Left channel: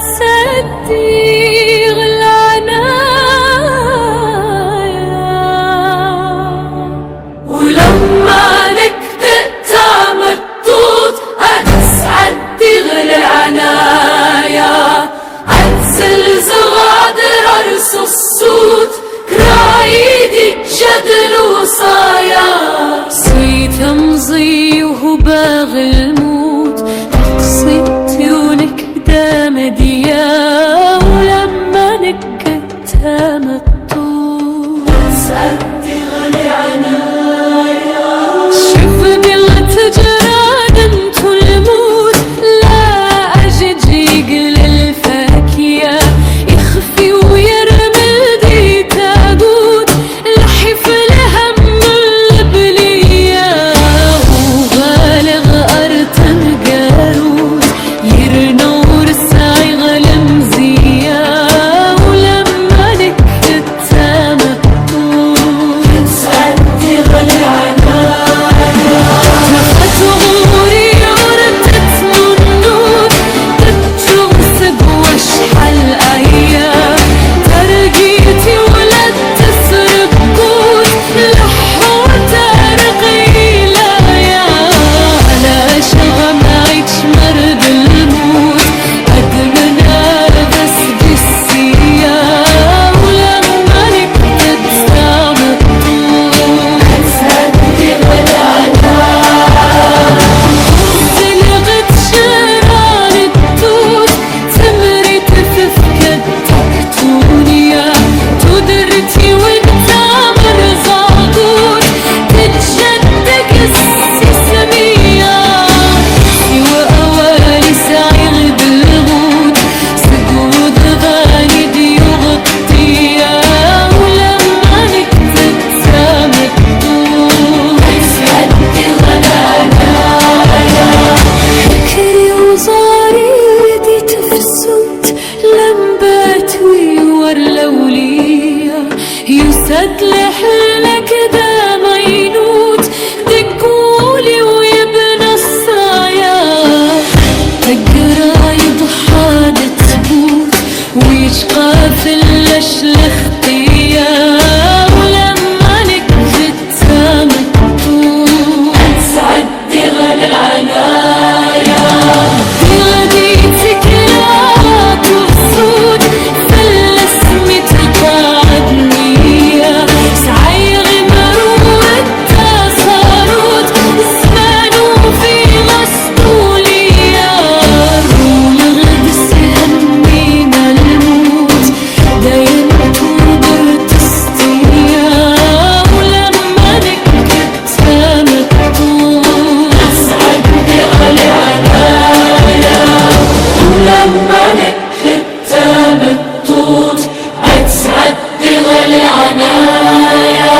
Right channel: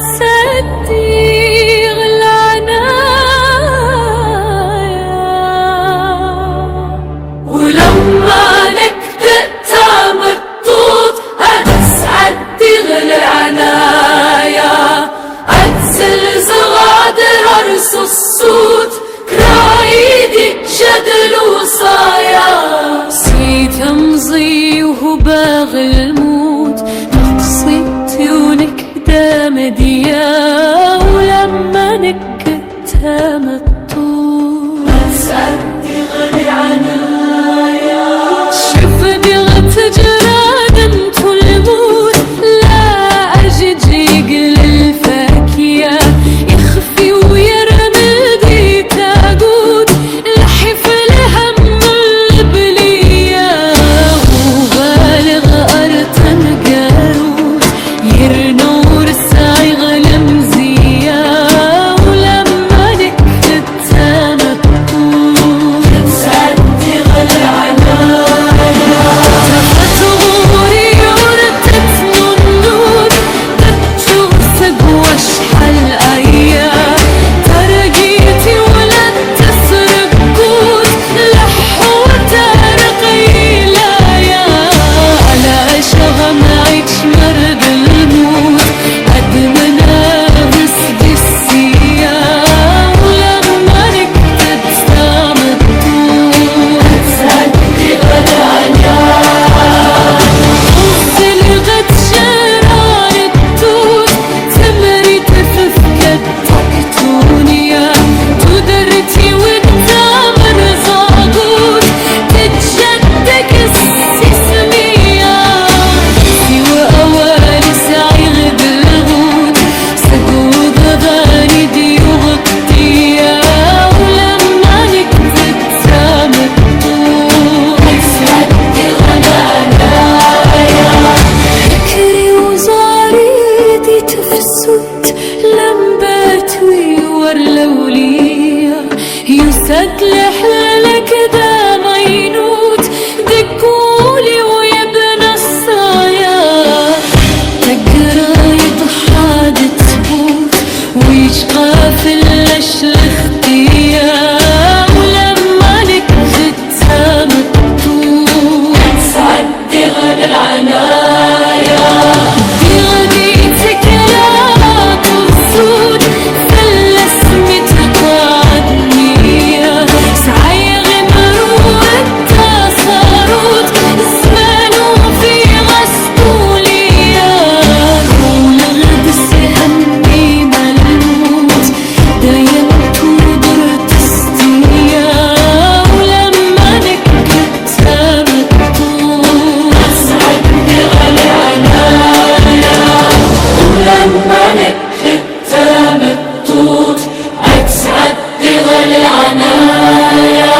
تصدق العنايا، ولما نكتئ تمطوط هتسعد تغلي العنايا، هتزل زغادر ارس الصوت كرايدي جدل وصايا، سيت امضي وهو باغي الموت تقصيتي ونكدة مديا، ولما نكت تمطوط هتسعد تغلي عنايا، شوفني غتجراد انتو الموت لا اجد يقل الفاكية، يخفي ويرمي دي تاقوت لحف الهم البلية، وغالغ ارتن قاروت يرنور سايغ المزية، ولما نكت تمطوط هتسعد تغلي عنايا، تفت غوري ورتت ننوت تتشغسق واشحل ايام، ترقيتي ولد تسرق قوت لحوة ترقي لايا، على شغم عيش مرد الموت أدمنا غسدي السيا، ولما نكتد تمطوط هتسعد تغلي عنايا، طزي لغت شران التوت تمري تففكد تكتونيا، تدرتي ودتامر زاقوت تتجدك السسمية، سوى أوالي سعيغ بالغوت سقوط ذاني دي وغطية، ولما نكتد تمطوط هتسعد تغلي عنايا، فكري وزاريدي تفسد لمبات ويورلولية، يسد لحلك دا مينوت دقولي ويبنى الصايا، تقرا يضحى تبوت ويشقى في اللشلختية، ولما نكت تمطوط هتسعد تغلي العنايا، دي غديتك لا ترصود في الاسم تقاعد نية، سعيغ مروت تصاروت زمان وفي غسطولية، رول غدس يهنينا الموت داين تودر تستيا، ولما نكت تمطوط هتسعد تغلي عنايا، ولما نكت تمطوط هتسعد تغلي عنايا.